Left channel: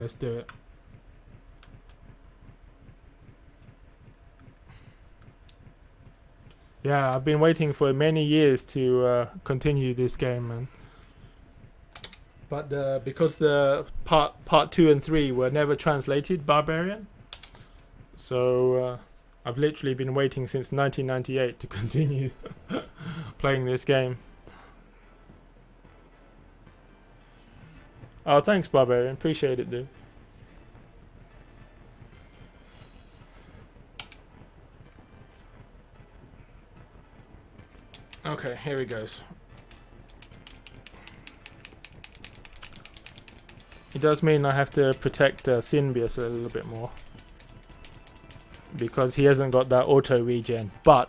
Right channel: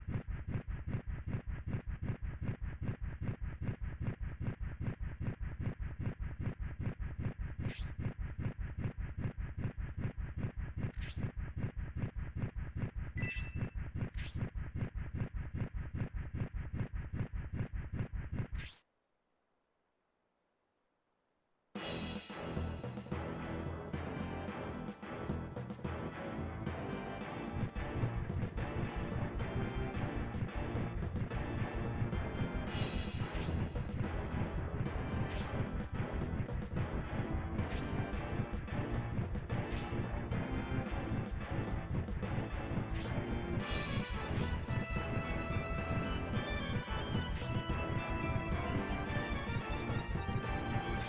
Let's do it. Yeah, I've been waiting for many years to continue this game, man. But because the part 2 and 3 were never translated, Barbarian. So I've literally been waiting since 1998 to continue playing this game. Oh, thanks, Barbarian. Appreciate it, dude. Okay, here he goes. It does mean I have to protect Symbius a little bit more, because he hasn't got that auto regen, but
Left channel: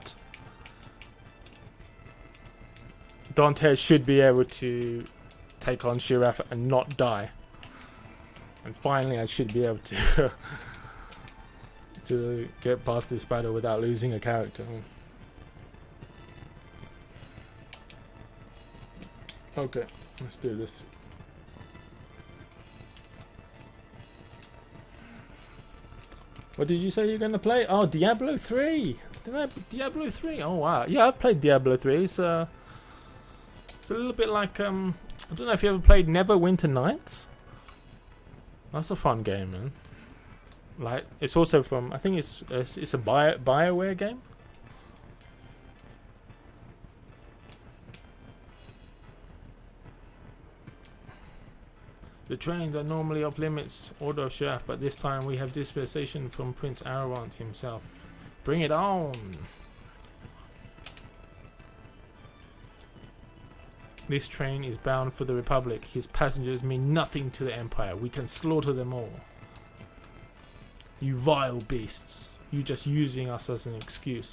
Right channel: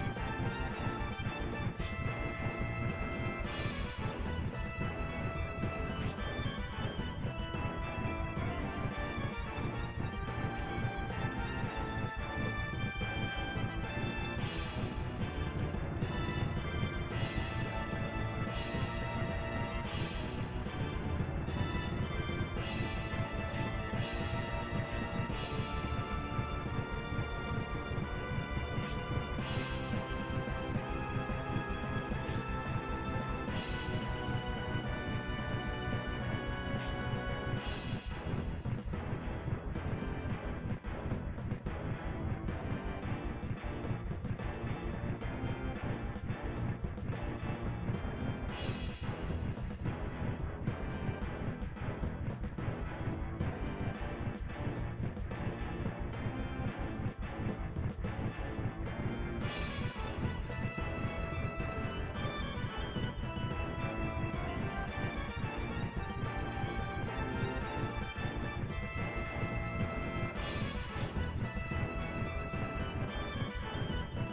Dantes should be able to take on Shirath and not die. Finally, I should be able to to get past this battle without losing a character. Okay, let's do this. What did you say you're gonna play? Oh, Diablo 3! Diablo 3! Oh wow, yeah, I've played Diablo 3. It's a little bit like, I don't know if you ever played Neverwinter Nights? That's a fun game, man. Like, it's also from, I think it's a BioWare game? The trains are normally off limits, Order of Shah, but this time we have dispensation from Prince Arwant himself. Bring it on! This train is bound for the Republic. His passengers mean nothing to the Empire. We can slaughter them all. You vile beasts. You're just using us as an excuse.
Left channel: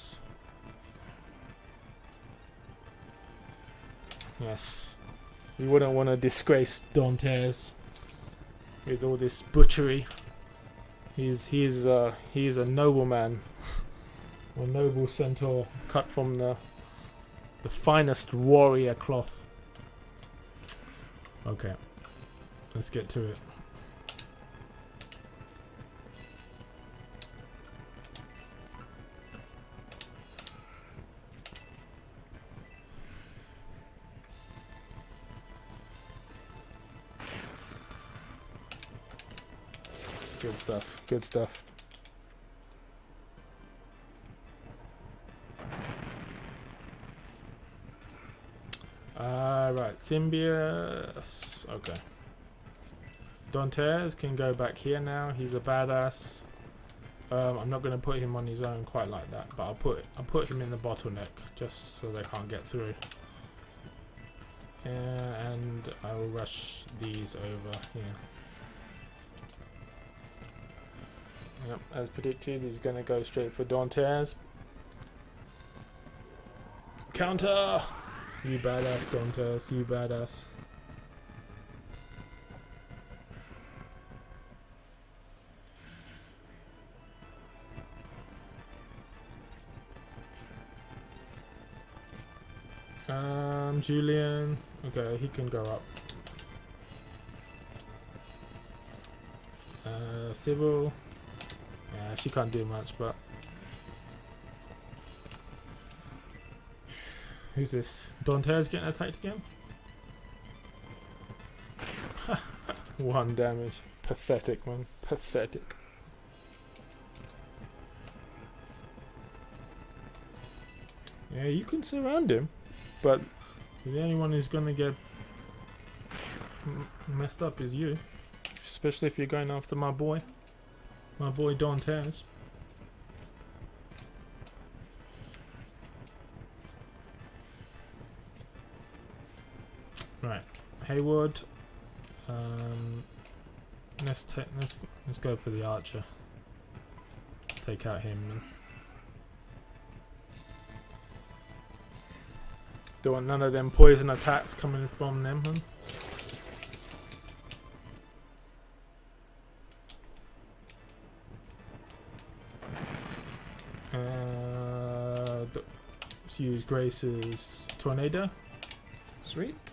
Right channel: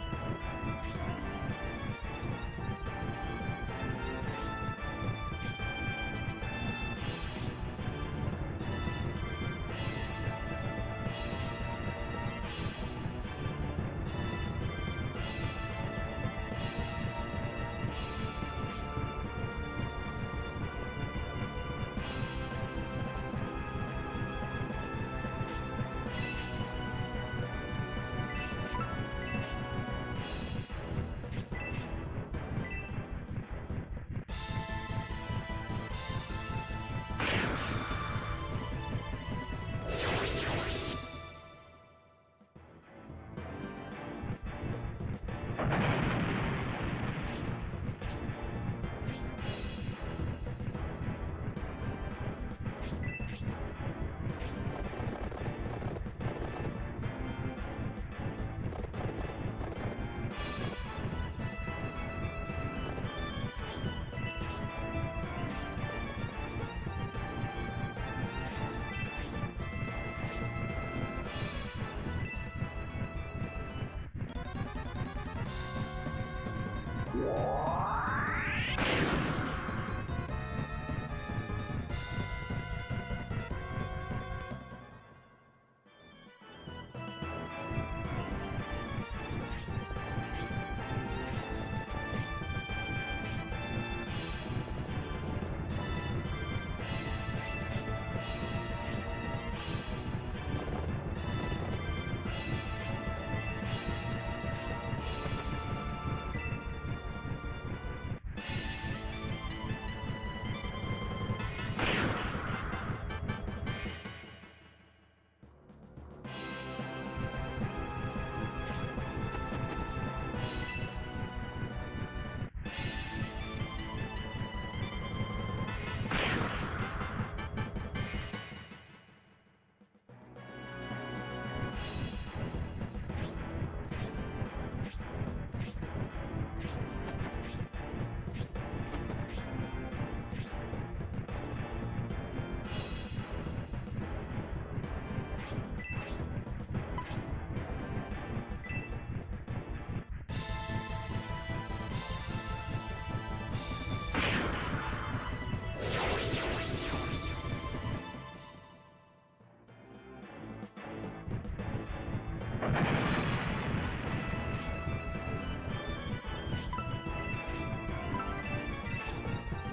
Yes. We wouldn't want to disgrace Dantes with all this butchery. He's a nobleman. A noble centaur cut from the finest warrior cloth. Okay, let's get to it. Good stuff. Right, Symbius. Okay. Dantes can go back here now. He's a badass. I'm not going to put him on his own quite like that, but I'm putting him in the bottleneck just so they can't get through. And I will rush these over. As predicted, he's going to go straight for Dantes. Counter! You badass, Dantes, you badass. Julian, okay, he can go up. Civil, she can't do much, but who's this? Dantes getting attacked again? 1 damage. Pathetic, man. Pathetic. Yeah, you can surround him, but the only one who's gonna get messed up is you. Especially if you're going after my boy Dantes. Right, Hayward. Let's go for the archer. Let's take out him. Don't want none of them poison attacks coming from them. Use Grace's tornado. Sweet.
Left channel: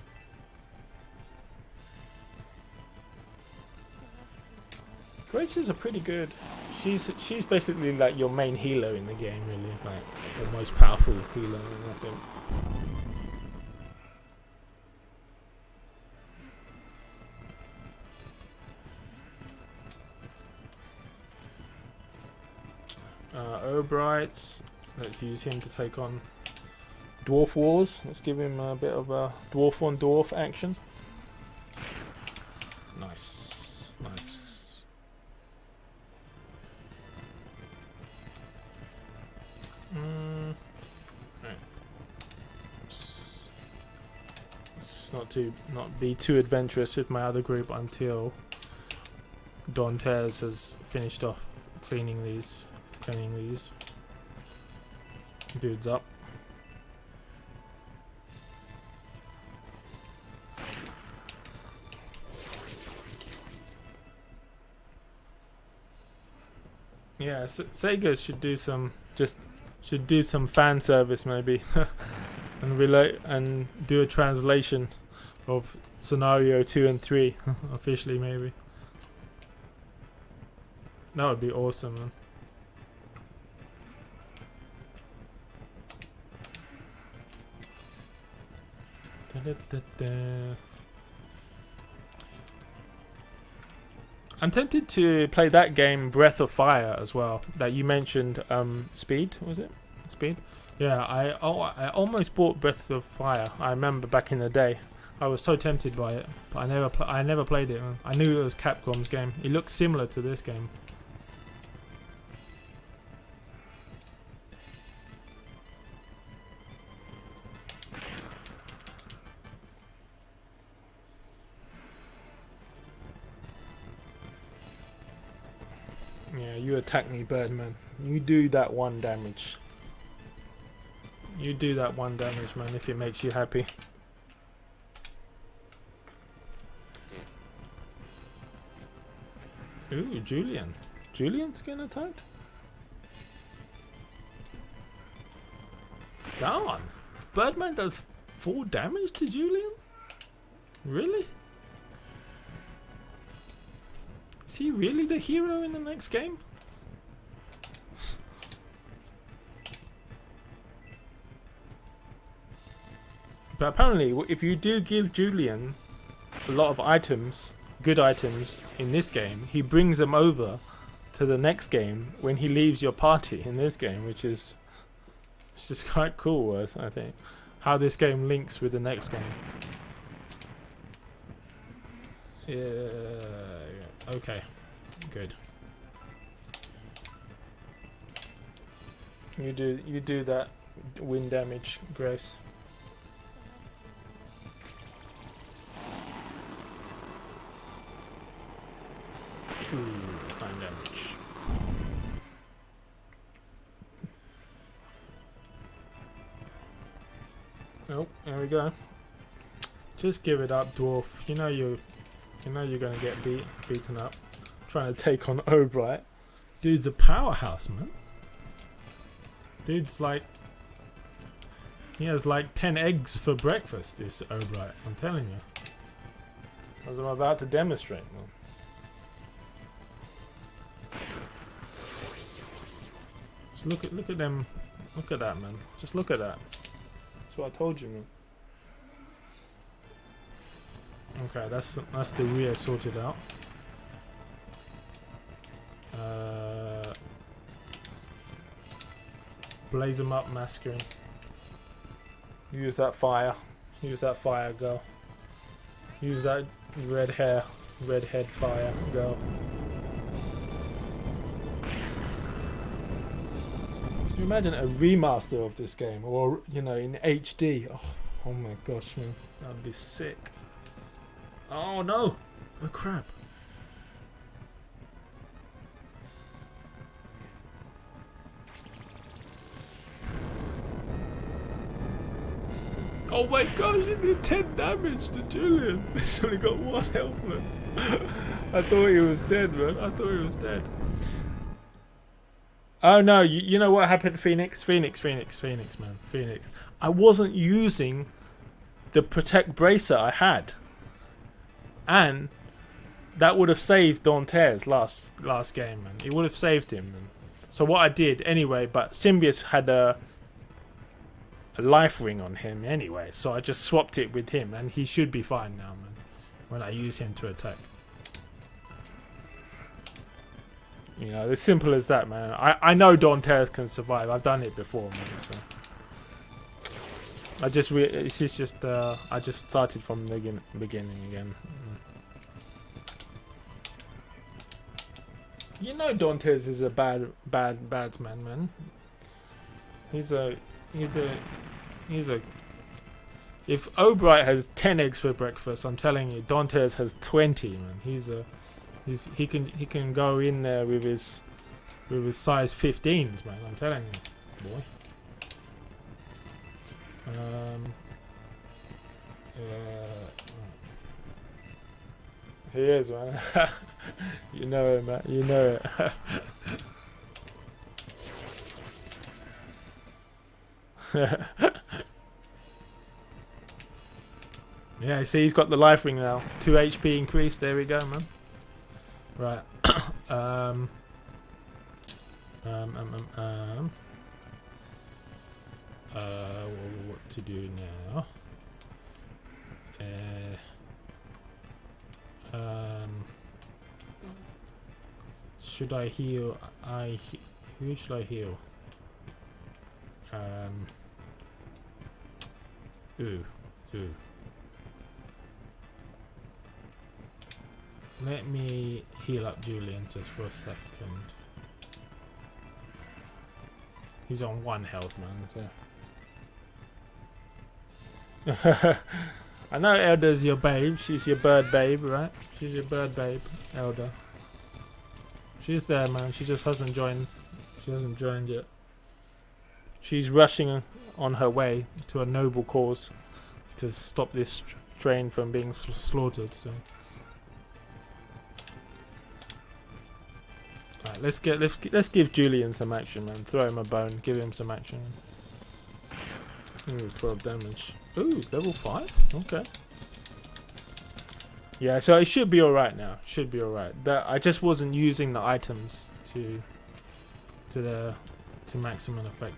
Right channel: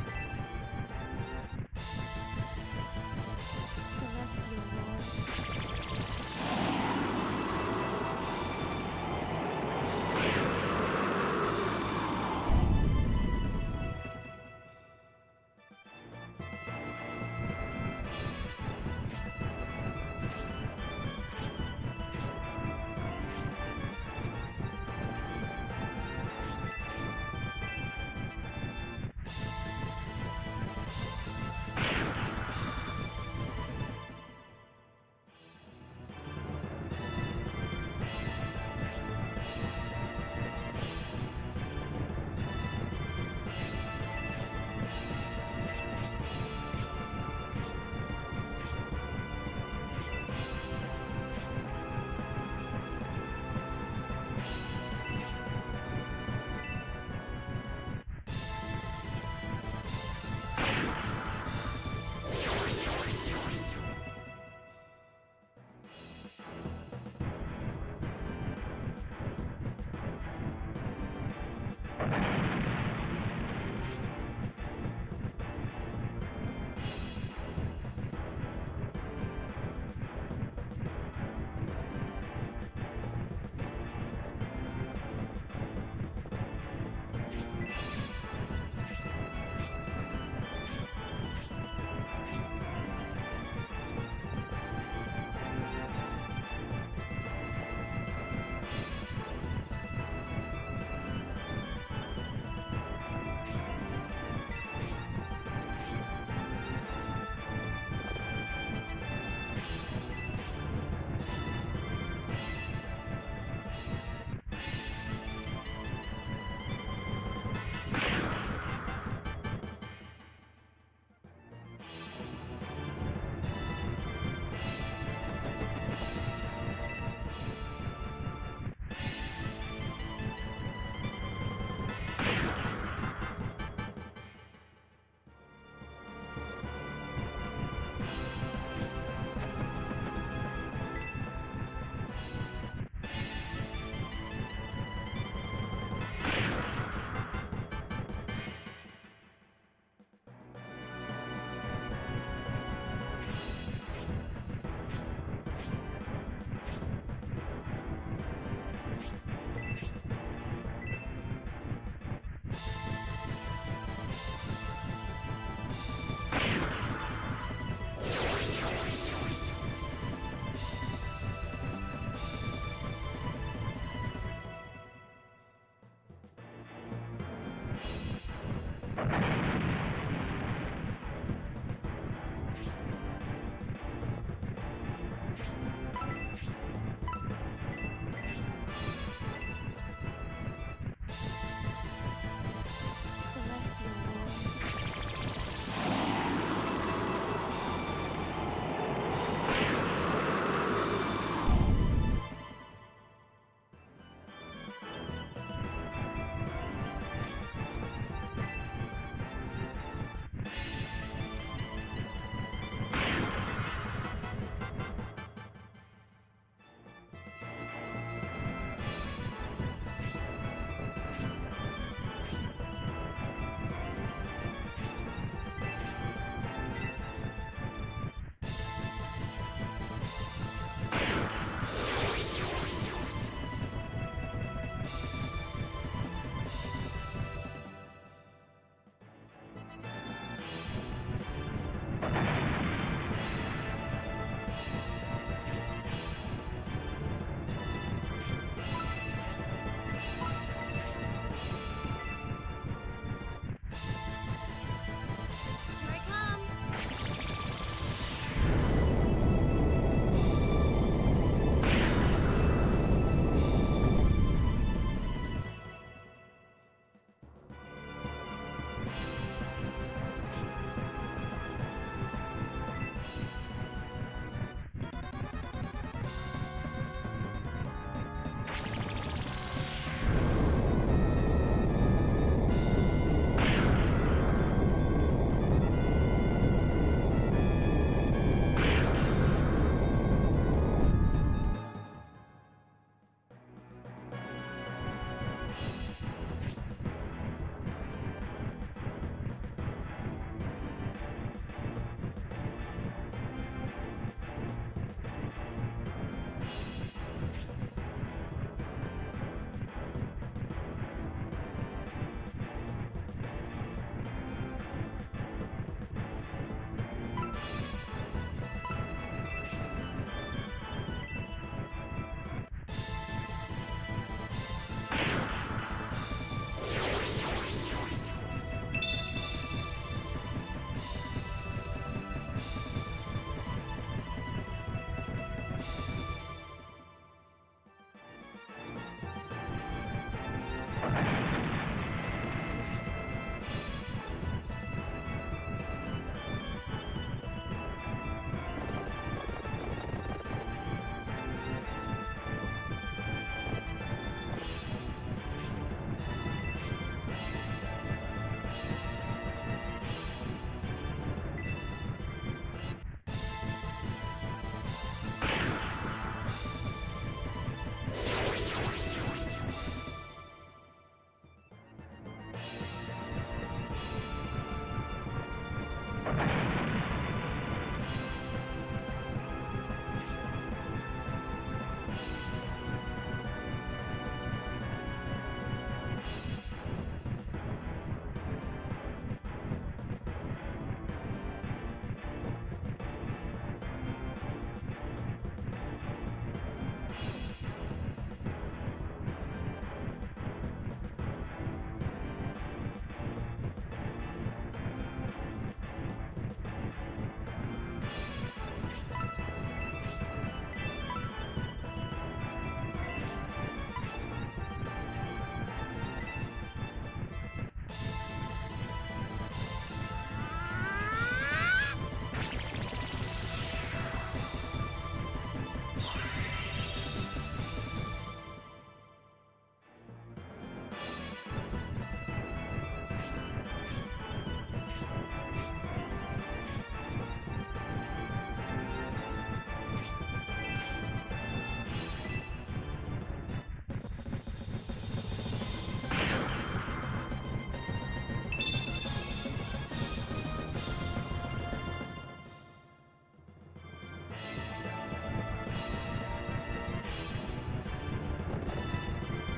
Celestial Alexa's a pretty good. She's basically like your main healer in the game. The most powerful healer. Obrights. Let's use him to take on Dwarf Wars. Let's give him a bit of a dwarf on dwarf action. Not be too adventurous with my other group until Don Fairs has finished off cleaning these dudes up. Yeah, Sega should do some fan service maybe, and do a translation of scenario 2 and 3 officially maybe. That would be awesome. I'm tempted to play that game Breath of Fire as well that you mentioned. Speed, was it? Speed? Yeah, I almost bought Breath of Fire. I remember back in the day. I was so tempted by it. I never played it. I knew it was Capcom's game. It looked similar to this game. You attack me, Birdman. You do that 1 damage. You do that 1 damage, man, if it makes you happy. Ooh, Julian. Julian's gonna attack? No! Birdman does 4 damage to Julian? Really? Is he really the hero in the next game? But apparently, if you do give Julian a lot of items, good items in this game, he brings them over to the next game when he leaves your party in this game, which is just quite cool, I think. How this game links with the next game. Yeah. Okay. Good. You do that wind damage, Grace. There we go. Just give it up, dwarf. You know you're gonna get beaten up. Trying to take on Obright. Dude's a powerhouse, man. Dude's like, he has like 10 eggs for breakfast. This Obright, I'm telling you. As I'm about to demonstrate. Look at them. Look at that, man. Just look at that. That's what I told you. Okay, that's the year sorted out. Blaze them up, Master. Use that fire. Use that fire, girl. Use that red head fire, girl. Imagine a remaster of this game, or in HD. Oh my gosh, that'd be sick. Oh no! Oh crap! Oh my god, you did 10 damage to Julian! He's only got 1 health, man. I thought he was dead, man. I thought he was dead. Oh no, you know what happened to Phoenix? Phoenix. I wasn't using the Protect Bracer I had. And that would have saved Dantes last game. It would have saved him. So what I did anyway, but Symbius had a life ring on him anyway, so I just swapped it with him, and he should be fine now when I use him to attack. You know, as simple as that, man. I know Dantes can survive. I've done it before. I just started from the beginning again. You know, Dantes is a bad man. He's a. If Obright has 10 eggs for breakfast, I'm telling you, Dantes has 20. Man. He can go in there with his size 15. Man, I'm telling you. He is, man. You know it, man. You know it. Yeah, see, he's got the life ring now. 2 HP increase. There we go, man. Right. What to do now? Should I heal? Who should I heal? Who? Let me heal up Julian just for a second. He's on 1 health, man. I know Elder's your babe. She's your bird babe, right? She's your bird babe, Elder. She's there, man. She just hasn't joined. She hasn't joined yet. She's rushing on her way to a noble cause to stop this strain from being slaughtered. So. Right, let's give Julian some action, man. Throw him a bone. Give him some action. 12 damage. Ooh, level 5. Okay. Yeah, so it should be alright now. Should be alright. I just wasn't using the items to maximum effect.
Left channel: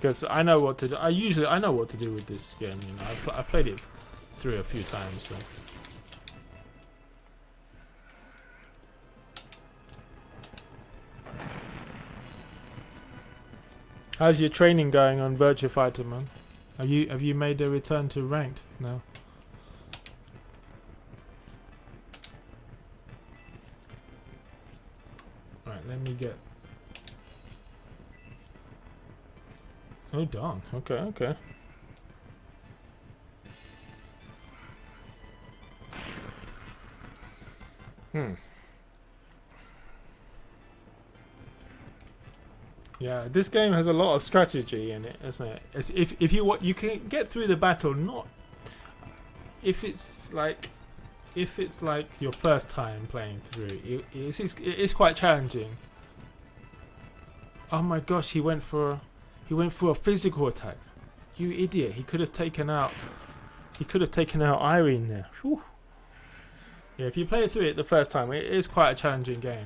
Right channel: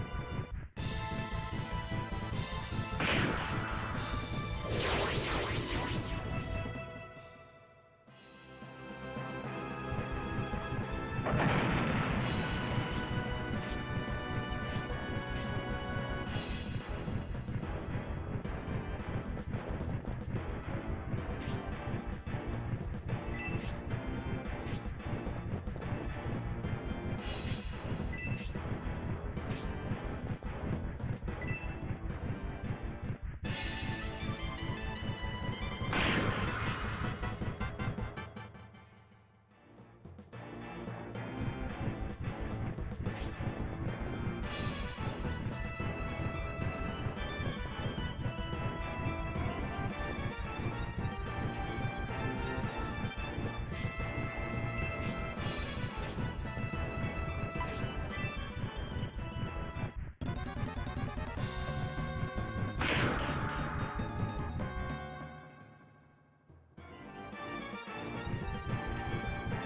Because I know what to do. I know what to do with this game. I played it 3 or 4 times. How's your training going on Virtua Fighter, man? Have you made a return to ranked? No. Right, let me get. Oh, dark. Okay. Yeah, this game has a lot of strategy in it, doesn't it? If you can get through the battle, not if it's like your first time playing through. It is quite challenging. Oh my gosh, he went for a physical attack. You idiot! He could have taken out Irene there. Whew. Yeah, if you play through it the first time, it is quite a challenging game.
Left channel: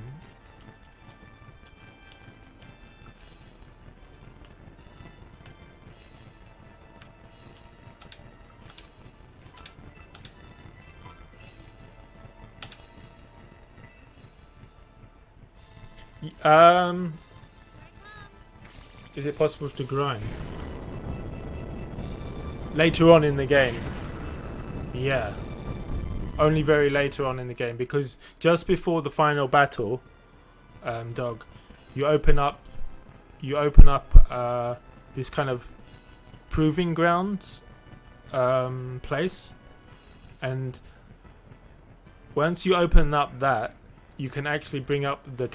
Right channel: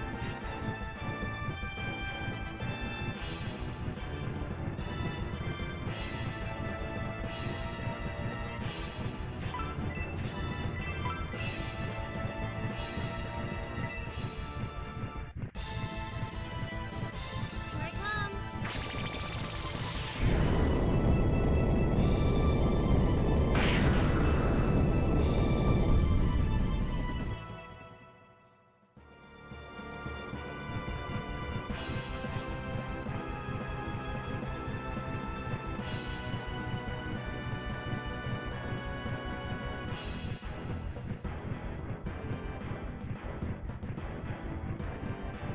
Is it possible to grind? Later on in the game. Yeah. Only very later on in the game, because just before the final battle, Dog, you open up this kind of proving grounds place, and once you open up that, you can actually bring up the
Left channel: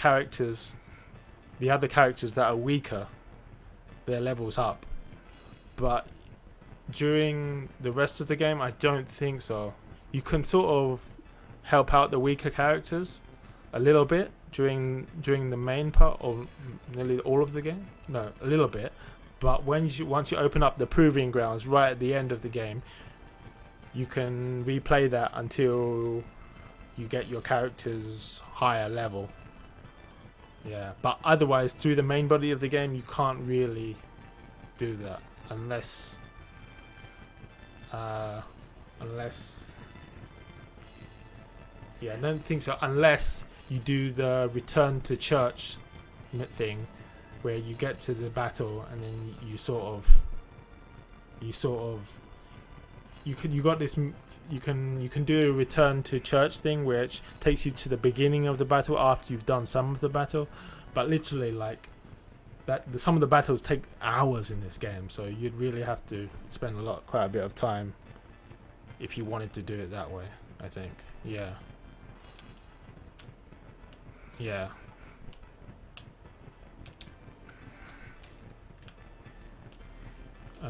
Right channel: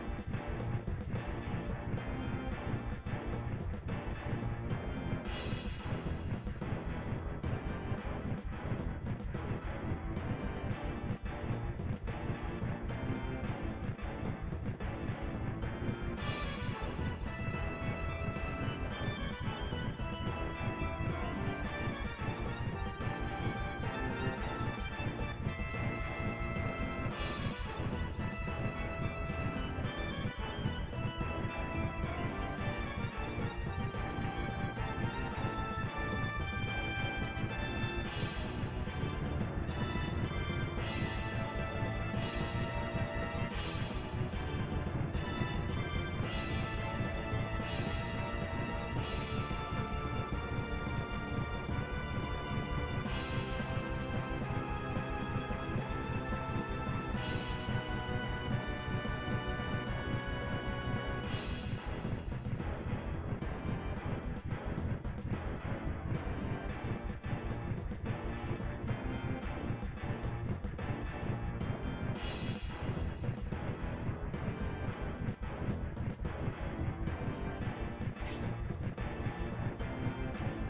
other characters that are weaker, their levels up. But during the rest of the game, I don't think so. You can sort of help out the weaker characters a little bit during the main part of nearly all of the game. No, a little bit. But once you open up the proving grounds right at the end of the game, you can replay that until you get your character's higher level. Yeah, but otherwise through the main body of the game you can't really do that unless yeah, I don't think so, unless you do the return to church thing where you get to the battle and you got this, you can do a return to church thing which takes you to the beginning of the battle after you've done some of the battle, but literally like that, some of the battles take hours in this game, so you'd really have to spend quite a bit of time if you wanted to do it that way, I think. Yeah.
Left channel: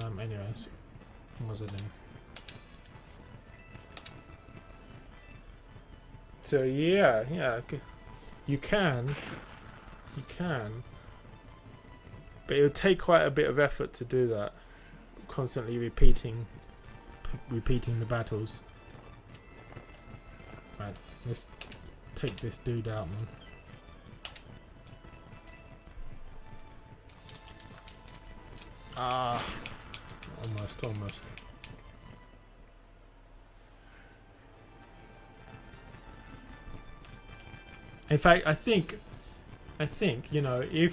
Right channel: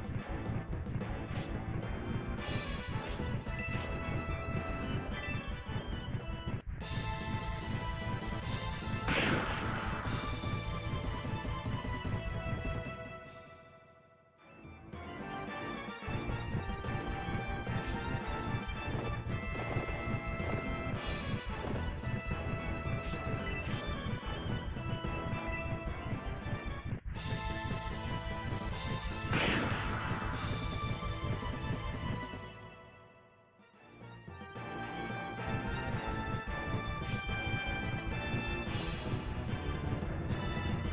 Anyways. So yeah, you can, but it would take quite a bit of effort to do that. Constantly repeating the battles. Let's take this dude out. In fact, I think, you know, if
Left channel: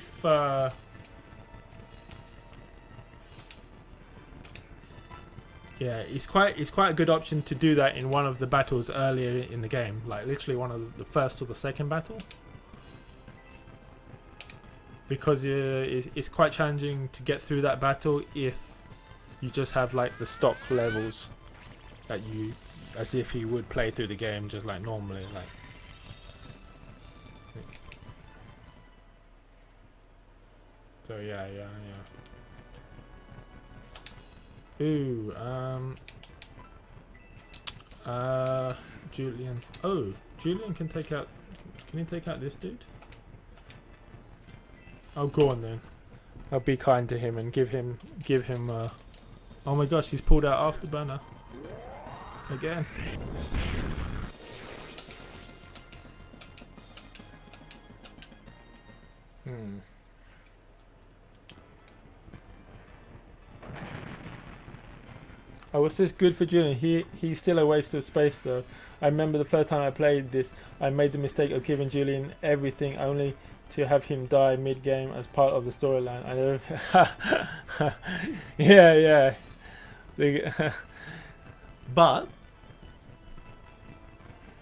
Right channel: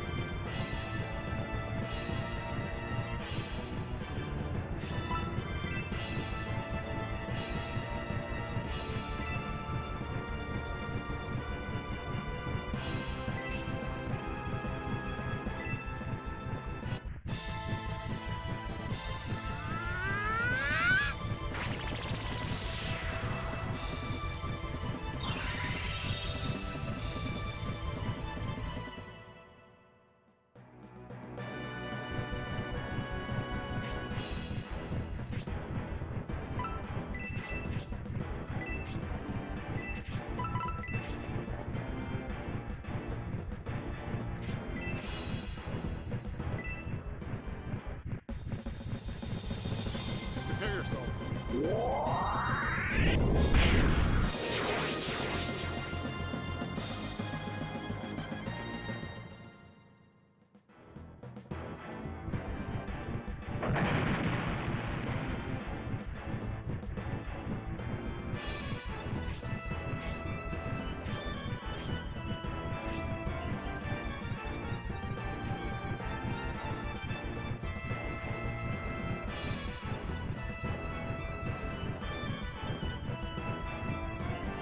yeah, it's quite a good option to do that in one of the battles earlier in the game, like literally one of the first or the second battle, because it's quite challenging to get through that battle if you just have like the stock levels that you, as if you would play through the game just like normally. So yeah. Ooh, Julian. Oh, Julian can take out. Can you take out this dude? Oh, go on then. I'll be kind to him and give him. Oh my gosh, he's pulled out Afterburner again. Oh, was this good for Julian? He's still a waste of space though. I remember the first time I played this, I made the mistake of giving Julian everything only to have him die mid-game as part of the storyline. Yeah.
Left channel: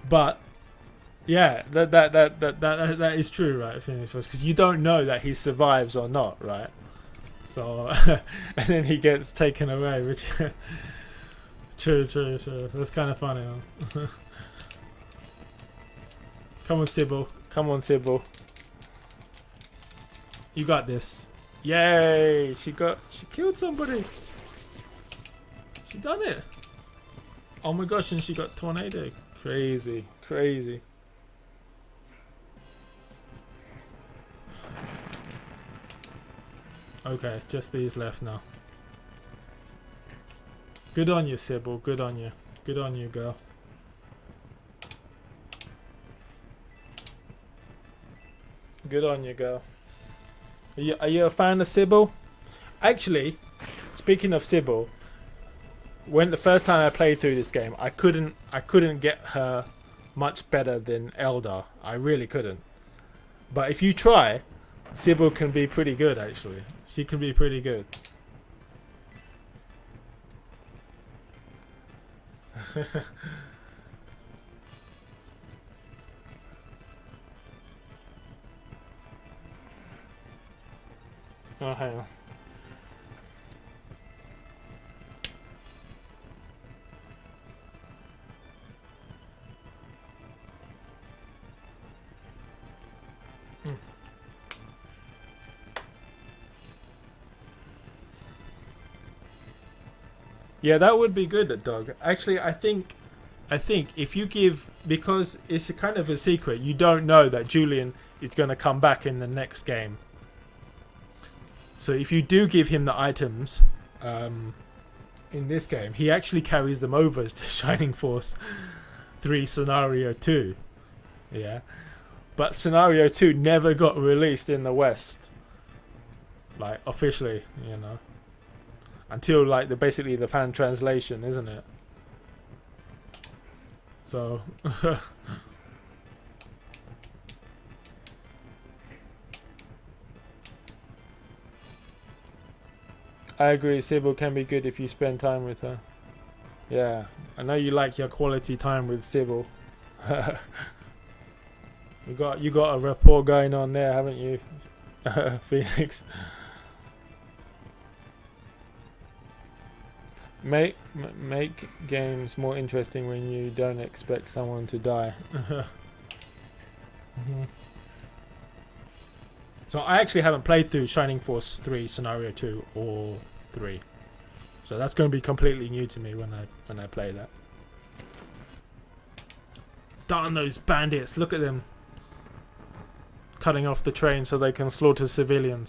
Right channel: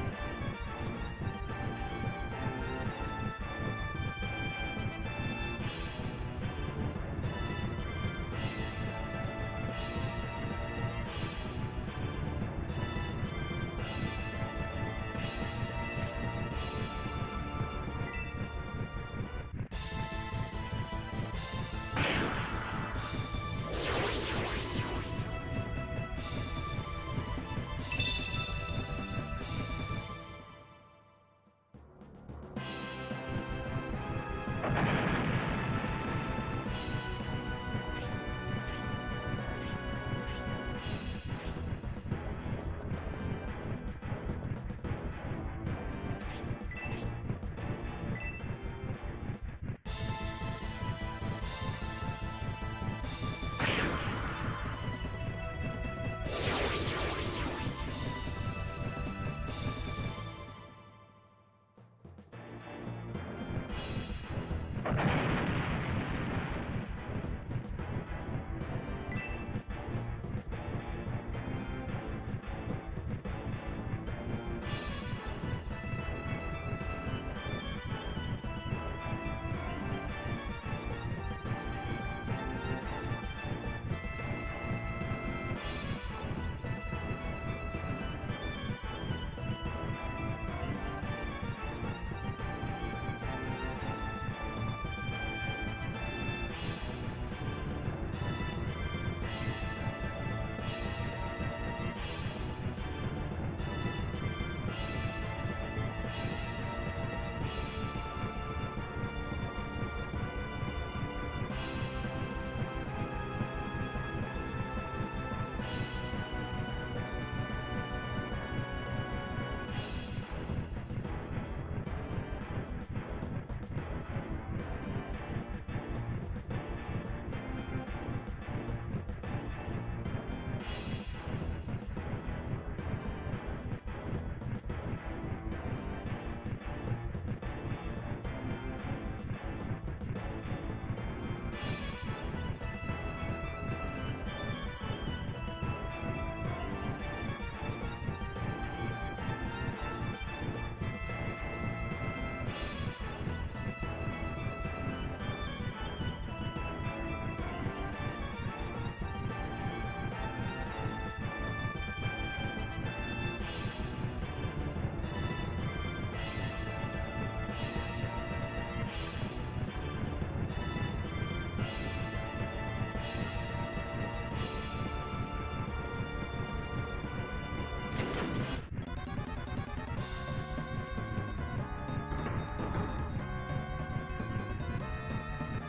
but yeah, that is true, right? Because you don't know that he survives or not, right? So and then he gets taken away, which true. It was kind of funny. Come on, Sybil. You got this. Yay! She killed somebody. She done it. Oh my gosh, and she got tornadoed. Crazy. Okay, just these left now. Good on you, Sybil. Good on you, girl. Good on you, girl. Are you a fan of Sybil? Actually, speaking of Sybil, when the first time I played through this game, I couldn't get her much better than Eldar. I really couldn't. But if you try, Sybil can be pretty good. Actually, she can be pretty good. hang on. Yeah, that would be good, Doug. Actually, I think if you give, because it's a kind of a secret, you don't know that Julian is going to come back in the next game. So if you do give him the items in this game, he actually carries them over to Shining Force 3 Scenario 2. Yeah. But Scenario 2 never got released in the West. Like, officially, you know. Until, like, basically the fan translation, isn't it? So... I agree, Sybil can be good if you spend time with her. Yeah, I know you like your quality time with Sybil. you got a rapport going on there, haven't you, Phoenix? Make games more interesting when you don't expect someone to die. So I actually haven't played through Shining Force 3 Scenario 2 or 3. So that's going to be completely new to me when I play that. Darn those bandits, look at them. Cutting off the train so they can slaughter civilians.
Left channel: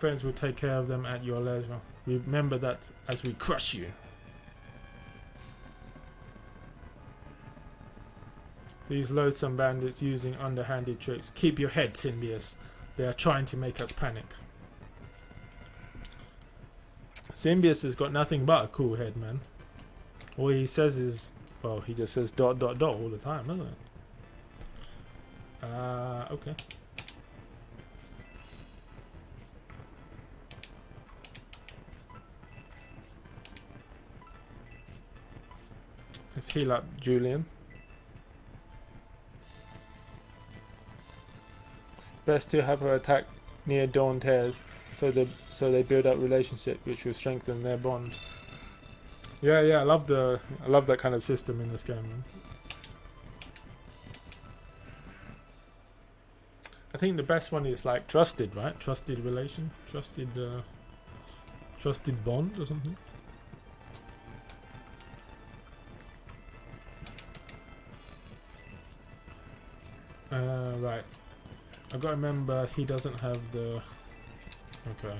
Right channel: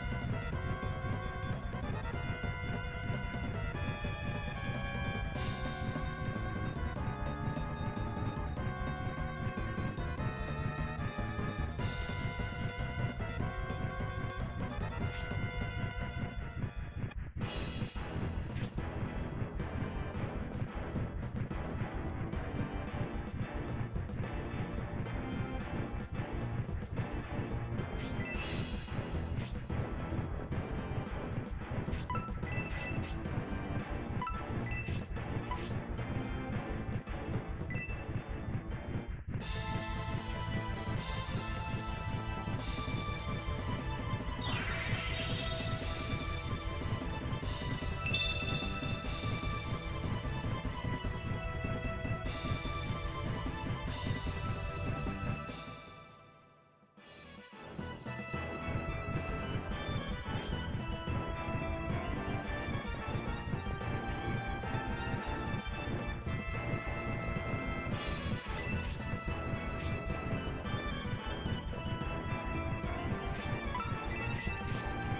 Friends will take care of them at your level. You remember that as we crush you. These loathsome bandits using underhanded tricks. Keep your head, Symbius. They are trying to make us panic. Symbius has got nothing but a cool head, man. All he says is, oh, he just says ... all the time, doesn't it? Okay. Heal up Julian. Best to have her attack near dawn tears, so they build up relationship, which will strengthen their bond. Yeah, I love that kind of system in this game. I think the best one is like trusted, right? Trusted relation, trusted bond or something. I remember he doesn't have the... Okay.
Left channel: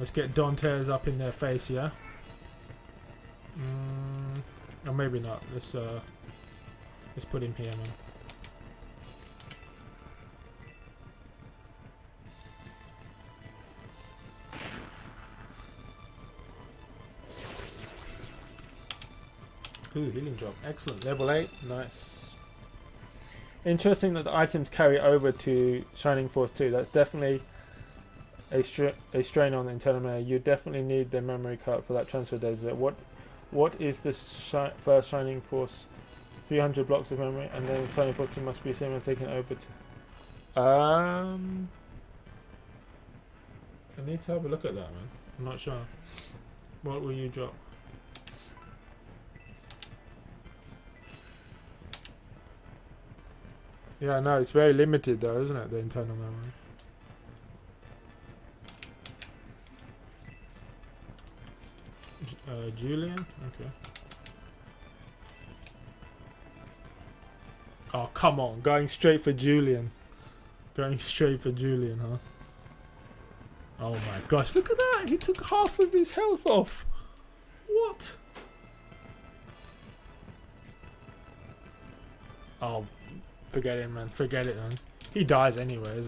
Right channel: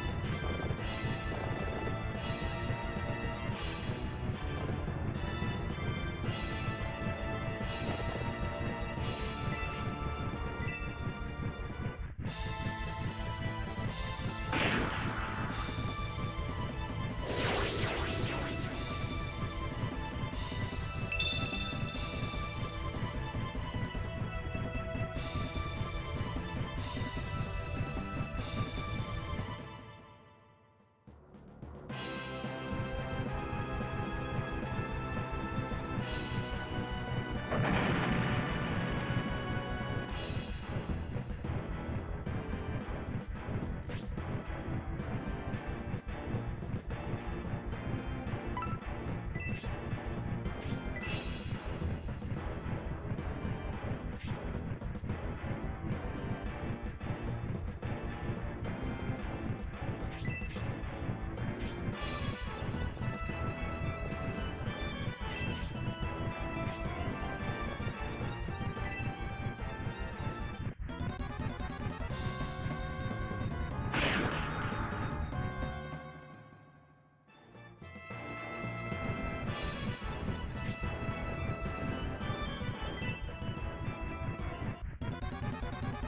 Let's get Dantes up in their face, yeah? Or maybe not. Let's put him here. Excellent, level 8, nice. Interesting that the items carry over to Shining Force 2. That's definitely a strain on the internal. You definitely need the memory card for that transfer data. What is the first Shining Force? 300 blocks of memory, and then Shining Force must be someone taken over. I need to have a look at that. I'm not sure. What will you drop? Yeah, no, it's very limited though, isn't it? The internal. Julian. Oh, come on, going straight for Julian. Huh? Oh my gosh, look at that! He took half of his health off. What? Oh. Forget it, man. Forget it, man. He dies anyway, doesn't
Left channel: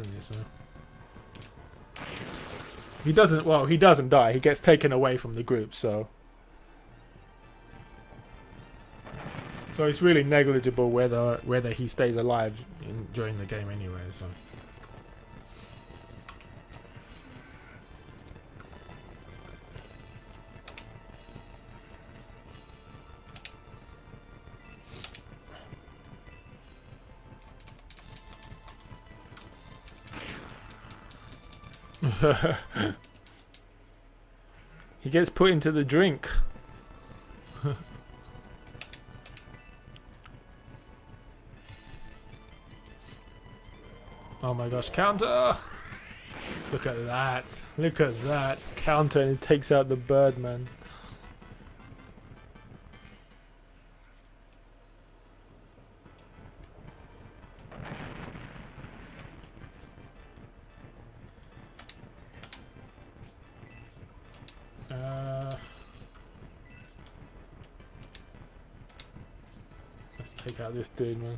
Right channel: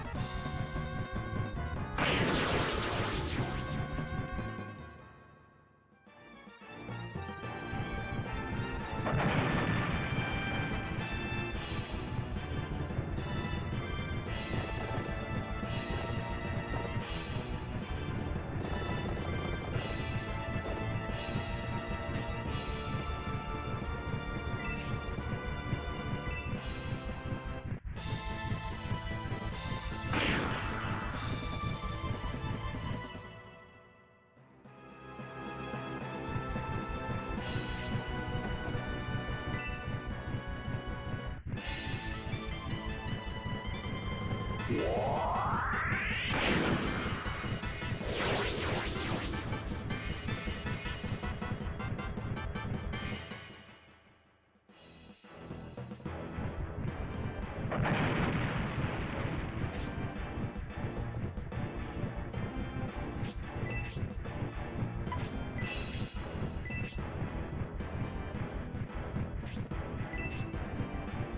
he? He doesn't. Well, he doesn't die. He gets taken away from the group, so it's really negligible whether he stays alive during the game anyway. He gets put into the drink. Oh my gosh, counter! Look at that. Look at that. Counter and takes out the bird, man. Check out this dude, man.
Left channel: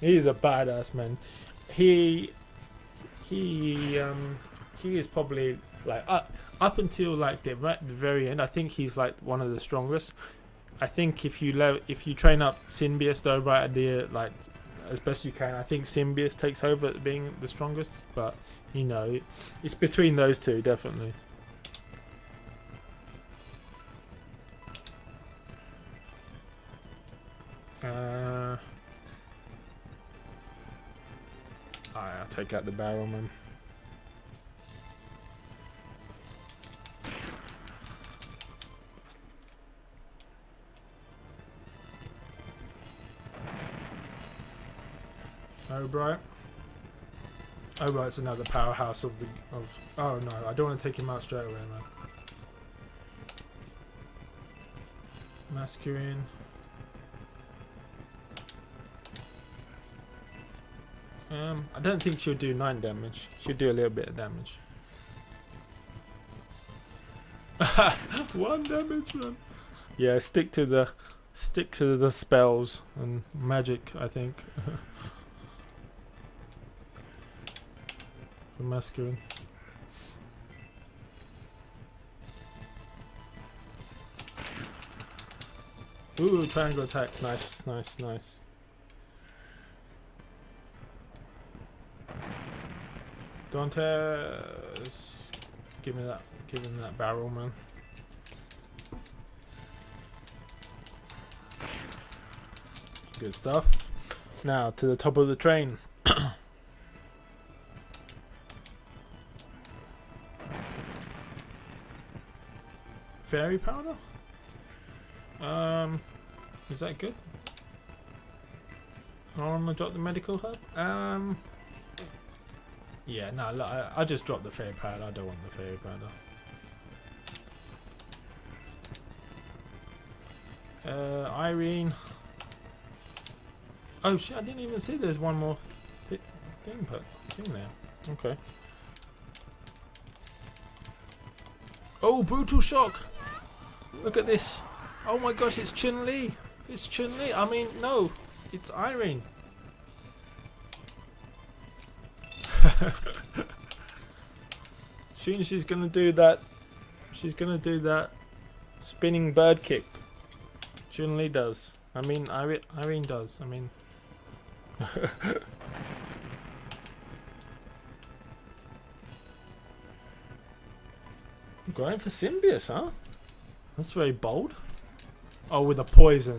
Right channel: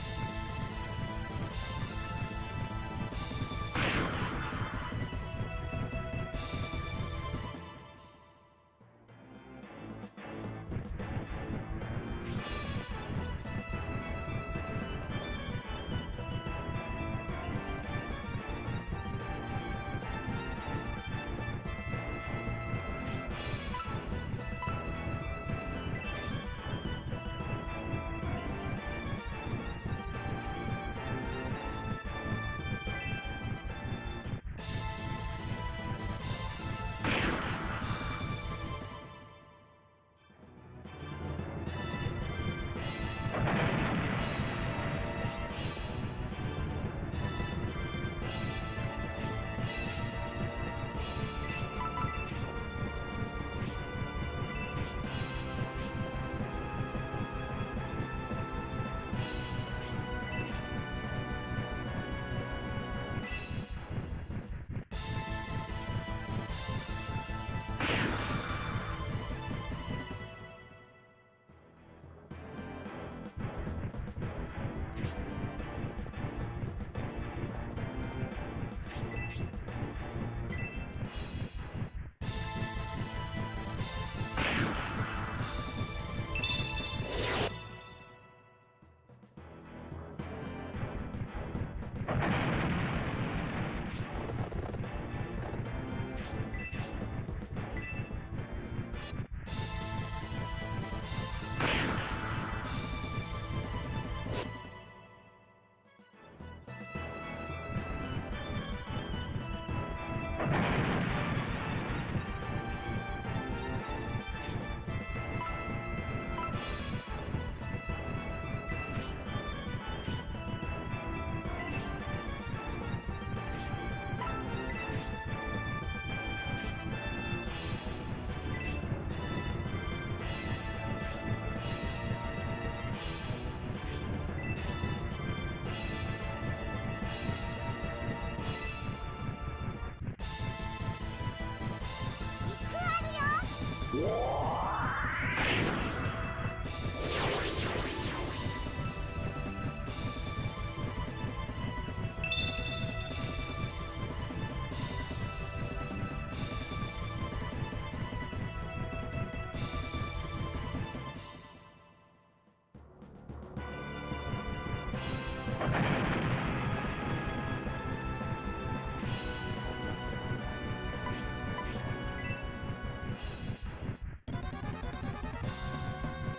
He's a badass, man. He is probably like up until like the very end. I think he's like one of the strongest. I think if you train up Symbius though right at the like as best you can, I think Symbius takes over at being the strongest. But you know, it's between those two definitely. I'll take out the barrel, man. Right. Oh right, it's another powerhouse of the... Oh no, I don't want to take him out straight away. Masculine. I don't think she'll do 9 damage. She'll do a little bit of damage. 1 damage, man. Yeah, stick to the spells and magic, I think. Masculine. Ooh, triangle attack. Nice. Dante, give me that barrel, man. Good stuff. Now to the top of the train. Fairy powder? Is that good? Oh, I'm gonna drop the medical help? Yeah, no, I just dropped the fairy powder, I don't want to worry about that. Irene. Oh shit, I didn't even see there's one more. Okay. Oh, brutal shock! Look at this! Oh my gosh, it's Chun-Li! It's Chun-Li! I mean, no! It's Irene! Soon she's gonna do that spinning bird kick. Chun-Li does. I mean, Irene does. I mean... Going for Symbius, huh? That's very bold. Oh, with a poison.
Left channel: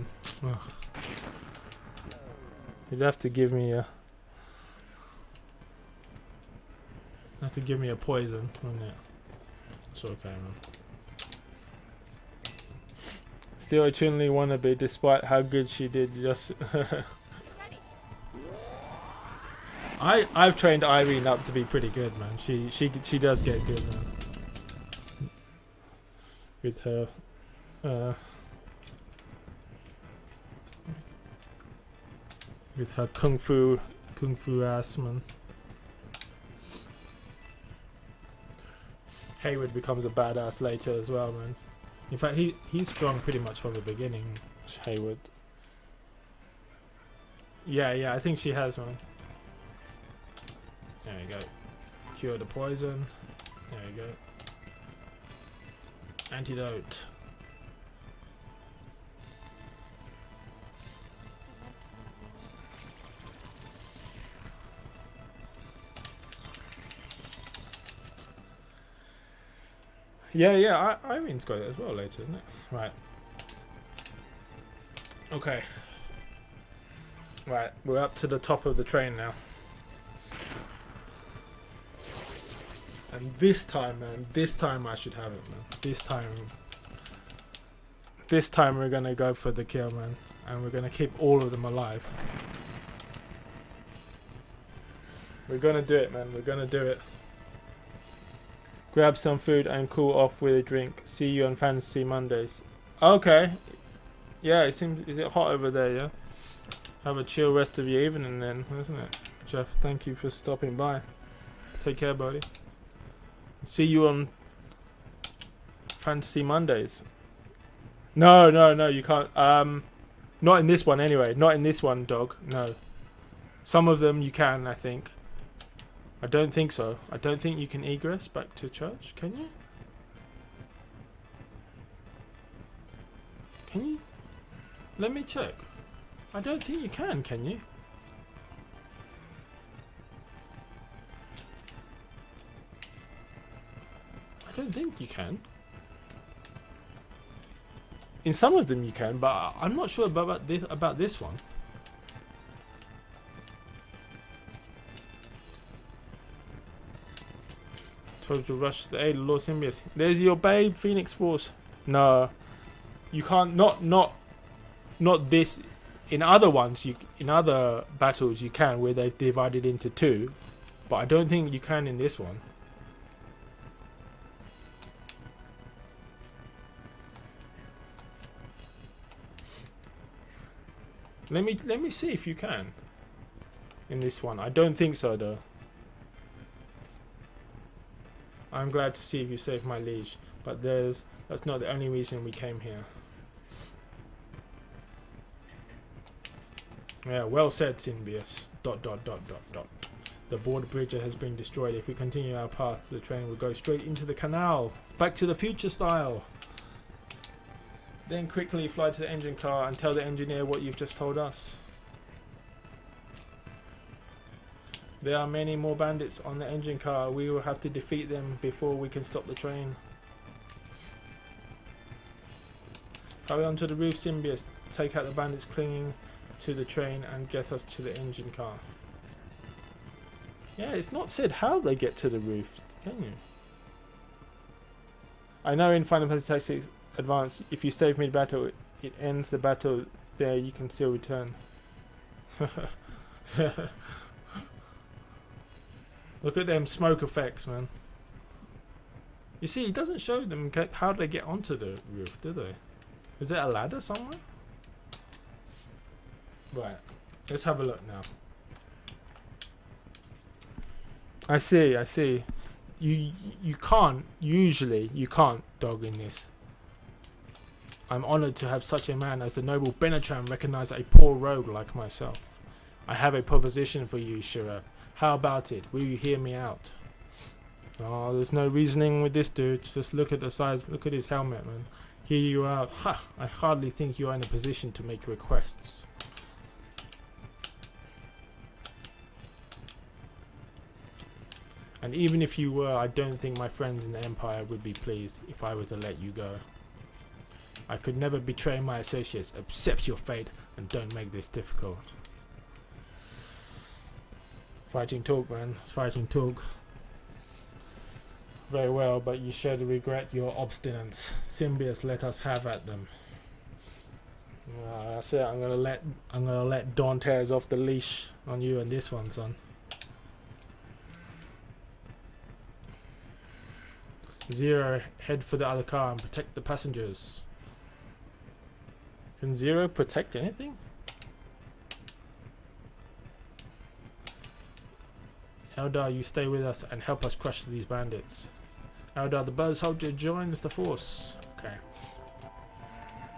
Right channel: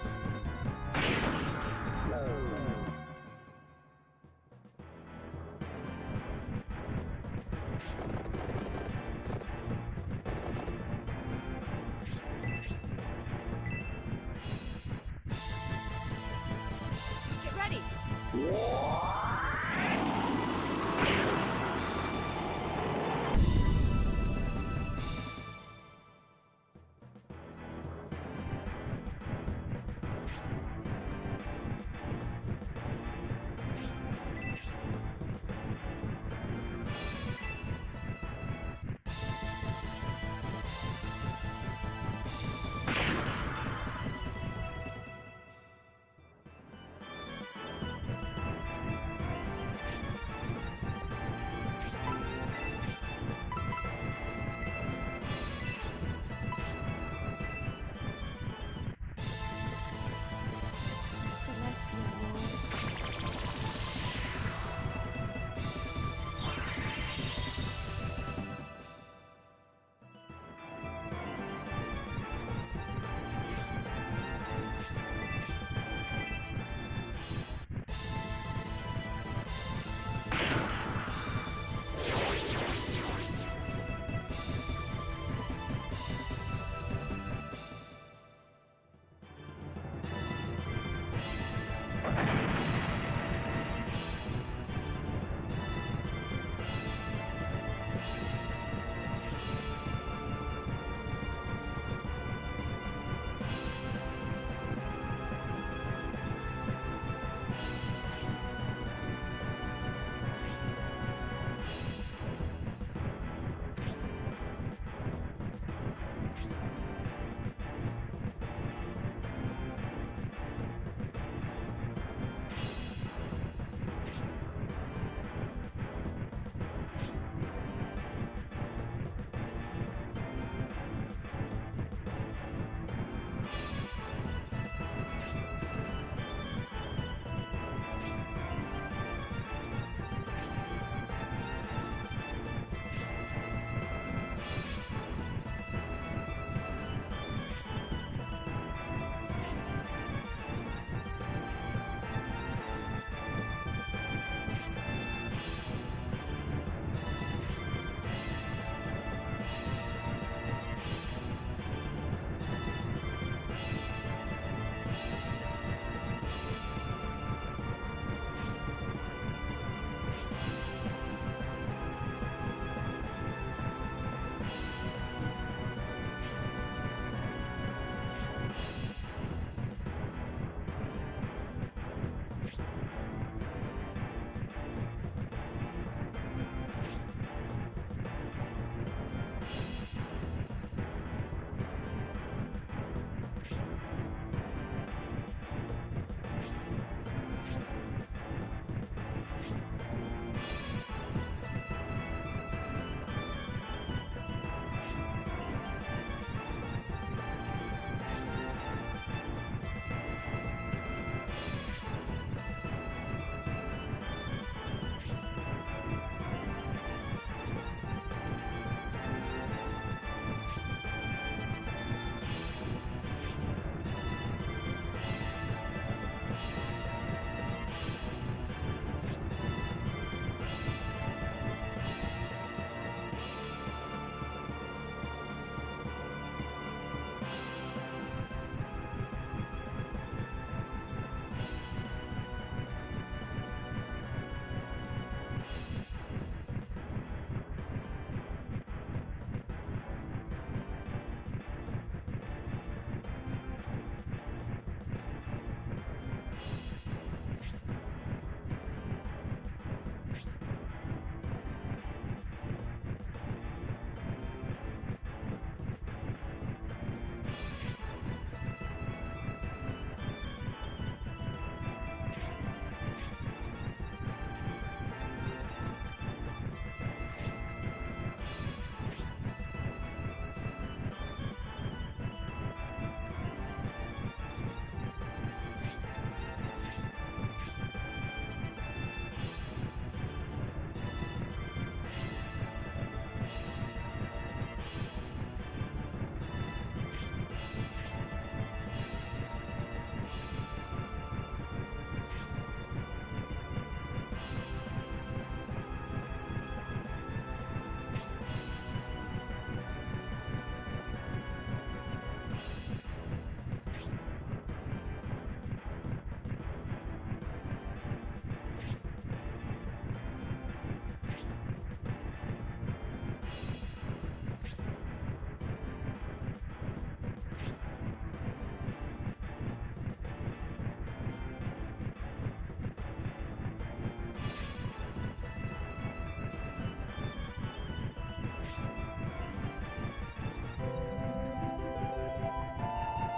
You'd have to give me a... poison. It's okay. Still a Chun-Li wannabe, despite how good she did just... Get ready. I've trained Irene up to be pretty good. She does get good. With her kung fu ass, man. Hayward becomes a badass later as well, man. In fact, he's gone pretty much from the beginning. Hayward. Yeah, I think she has one. There you go. Cure the poison. Antidote. Yeah, Irene's got it as well later. Right. Okay. Right, we're up to the top of the train now. This time, man. This time I should have it. This time we're gonna go for the kill, man. And we're gonna keep all of them alive. We're gonna do it, man. We're gonna do it. Grab some food and cool off with a drink. See you on Fantasy Mondays. Okay. Yeah, is it hot over there, yeah? Have a chill rest of the evening then, isn't it? Jeff, thank you for stopping by. Take care, buddy. See you on Fantasy Mondays. No, you can't. Not in this one anyway. Not in this one, dog. No. Some of them you can, I think. I don't think so. I don't think you can egress back to church, can you? Let me check. I don't think you can you? I don't think you can. In some of them you can, but I'm not sure about this one. To rush to the aid of Lord Symbius. There's your babe, Phoenix Force. No, you can't. Not this. In other ones, in other battles, you can, where they're divided into two. But I don't think you can in this one. Let me see if you can in this one. I don't think so though. I'm glad to see you saved my liege, but that's not the only reason we came here. Yeah, well said, Symbius. ... The border bridge has been destroyed. If we continue our path, the train will go straight into the canal. Back to the future style. Then quickly fly to the engine car and tell the engineer what you've just told us. There are many more bandits on the engine car. We will have to defeat them before we can stop the train. Hurry on to the roof, Symbius. Take out the bandits clinging to the train and get us to the engine car. Yeah, it's not said how they get to the roof. I know in Final Fantasy Tactics Advance, if you save mid-battle, it ends the battle there, you can still return. Look at them smoke effects, man. You see, it doesn't show them how they get onto the roof, do they? Is there a ladder somewhere? Right, let's have a look now. I see. You can't, usually, you can't dog in this. I'm honoured to have such a man as the noble Benetran recognize a poor rogue like myself. I have a proposition for you, Sheriff. How about it? Will you hear me out? Oh, there's no reasoning with this dude. Just look at the size, look at his helmet. Hear you out. Ha! I hardly think you are in a position to make requests. And even if you were, I don't think my friends in the Empire would be pleased if I were to let you go. I could never betray my associates. Accept your fate and don't make this difficult. Fighting talk, man. Fighting talk. Very well, but you surely regret your obstinance. Symbius, let us have at them. That's it. I'm gonna let Dantes off the leash on you and this one, son. Zero, head for the other car and protect the passengers. Can Zero protect anything? Eldar, you stay with us and help us crush these bandits. Eldar, the bird soldier joins the force. Okay.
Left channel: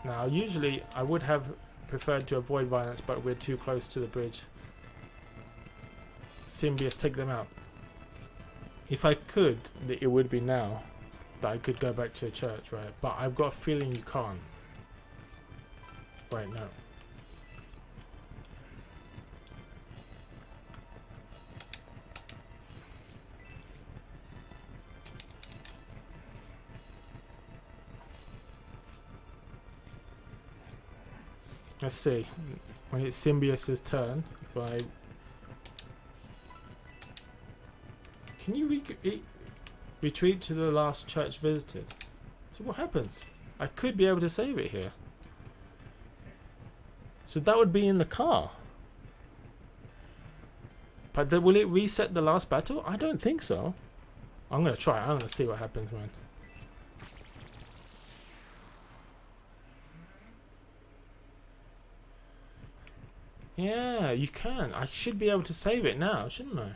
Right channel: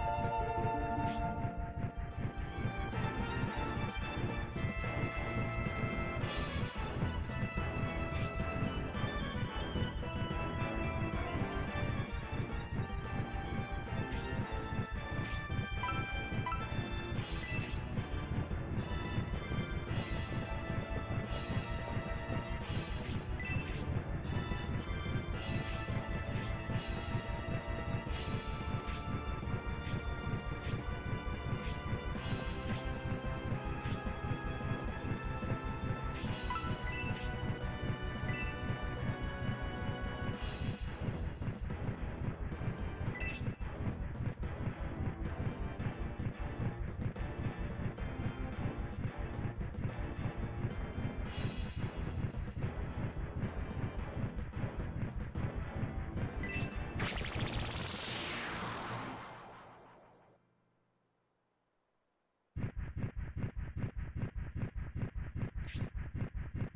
Now, usually I would have preferred to avoid violence, but we're too close to the bridge. Symbius, take them out. If I could, it would be now. That I could go back to the church, right? But I've got a feeling you can't. Wait, no. Let's see. When it's Symbius' turn, right? Can you retreat to the last church visited? So what happens? I could be able to save it here. So that would be in the car. But will it reset the last battle? I don't think so. I'm gonna try. I'm gonna see what happens, man. Yeah, you can. I should be able to save it now, shouldn't I?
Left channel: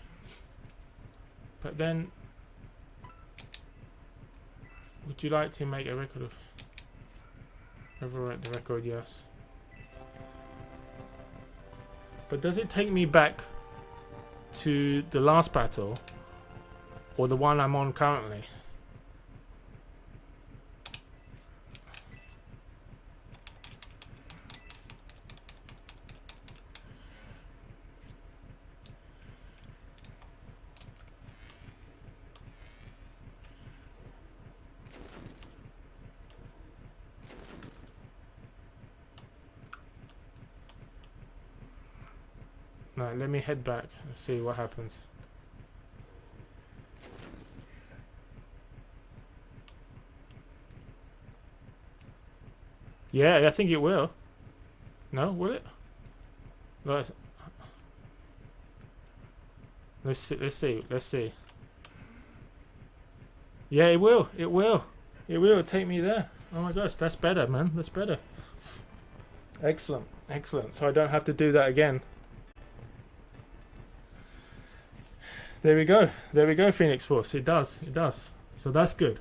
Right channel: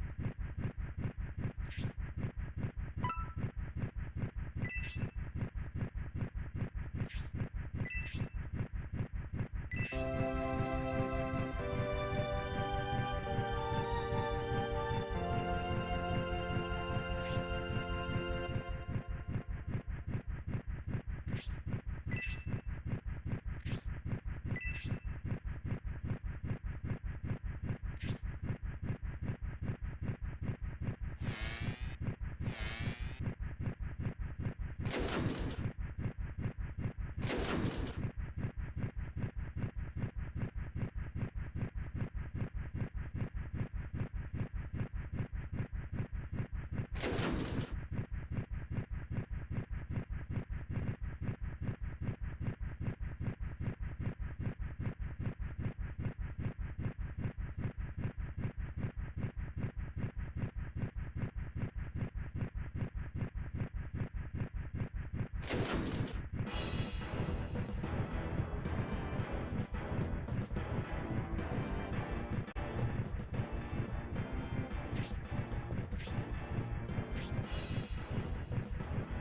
But then, would you like to make a record of? Overwrite the record, yes. But does it take me back to the last battle, or the one I'm on currently? No, let me head back and see what happens. Yeah, I think it will. No, will it? Right. Let's see, let's see, let's see. Yeah, it will, it will. It will take me there. Oh my gosh, that's better, man. That's better. Excellent, excellent. So I don't have to do that again. There we go, Phoenix Force. It does, it does. So that's good.